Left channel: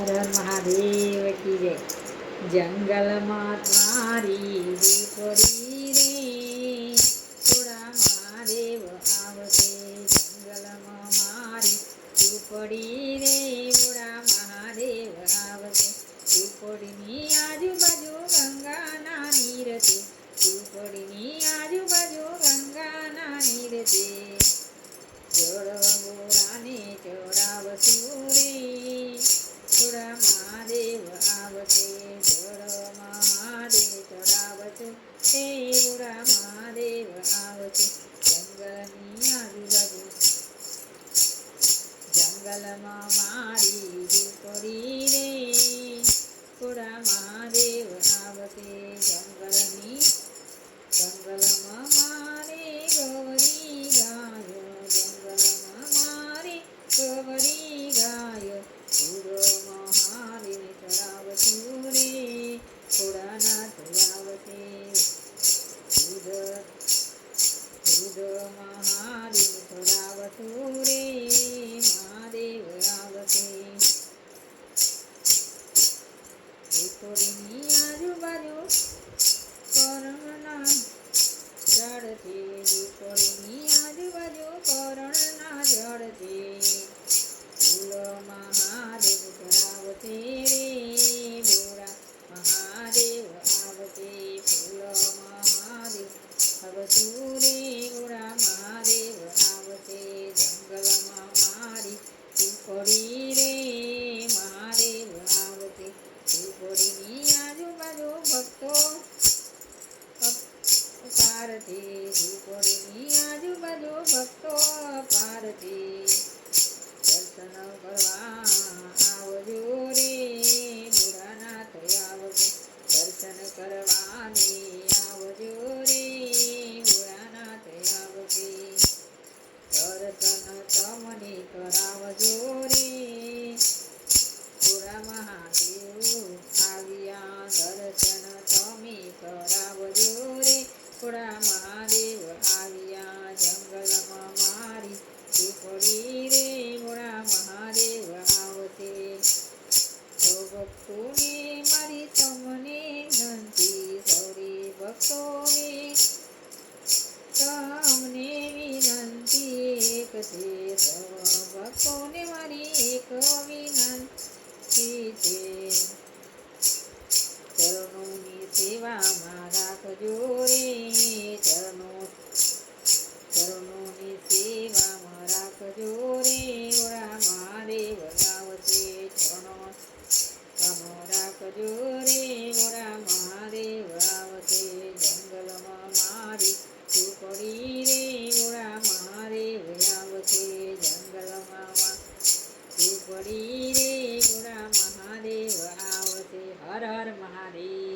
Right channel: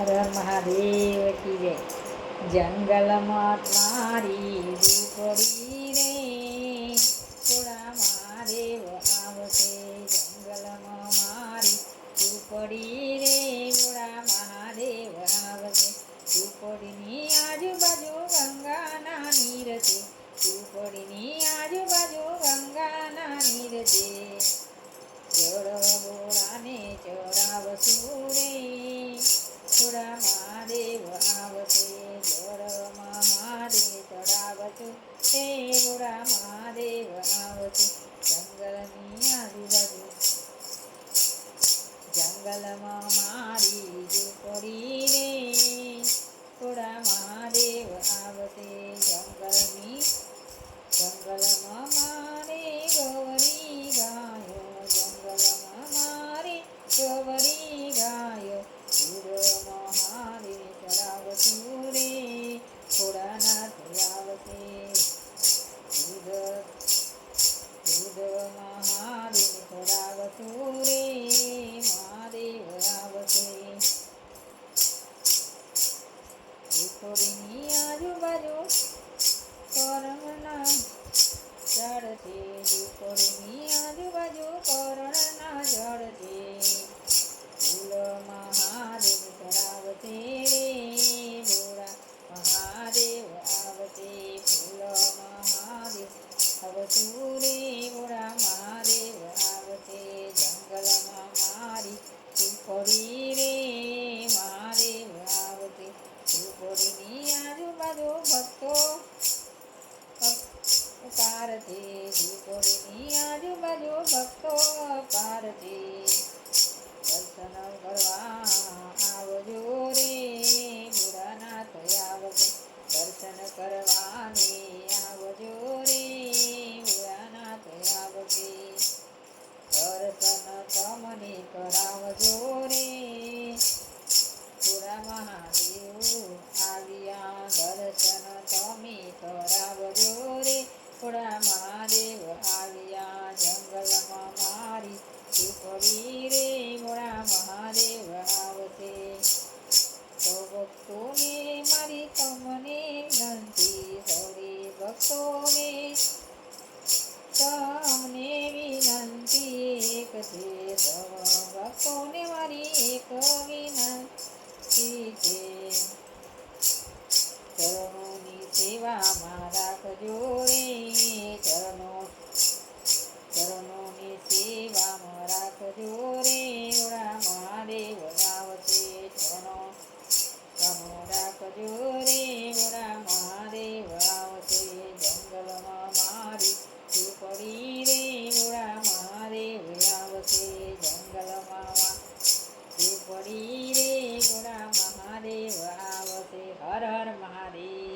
હર મહાદેવ કી જય. જંગલમાં મારી દીકરી રે. થોડા મહાદેવ આવશે. જંગલમાં મારી ઝૂંપડી મહાદેવ આવશે જળ મહાદેવ ચડાવશું તે બોરા મહાદેવ આવશે જંગલની આજુબાજુ જંગલમાં મારી ઝૂંપડી રે થોડા મહાદેવ આવશે જંગલની જંગલમાં મહાદેવ ચડાવશું રે મહાદેવ આવશે ઝૂંપડીની આજુબાજુ કરમના ઝાડથી ઝૂંપડીની આજુબાજુ કરણના ઝાડથી પારથી ઝૂંપડીની આજુબાજુ ભક્તો પારતી દર્શન કરવા આવજો રે બુરાનાથ આવજો. દર્શન કરવાની આવજો રે બુરાનાથ આવજે. દર્શન તમને કરાવજો રે. પુરા મહાદેવ ભક્તોને મારી એક વિનંતી છે. ચરણોની સેવામાં રાખજો રે ચરણો. ચરણોની સેવામાં રાખજો રે ઓળા મહાદેવ આવશે ચરણો. રાખજો રે ઓળા મહાદેવ આવશે જંગલમાં મારી ઝૂંપડી રે ગોળા મહાદેવ આવશે હર હર મહાદેવ.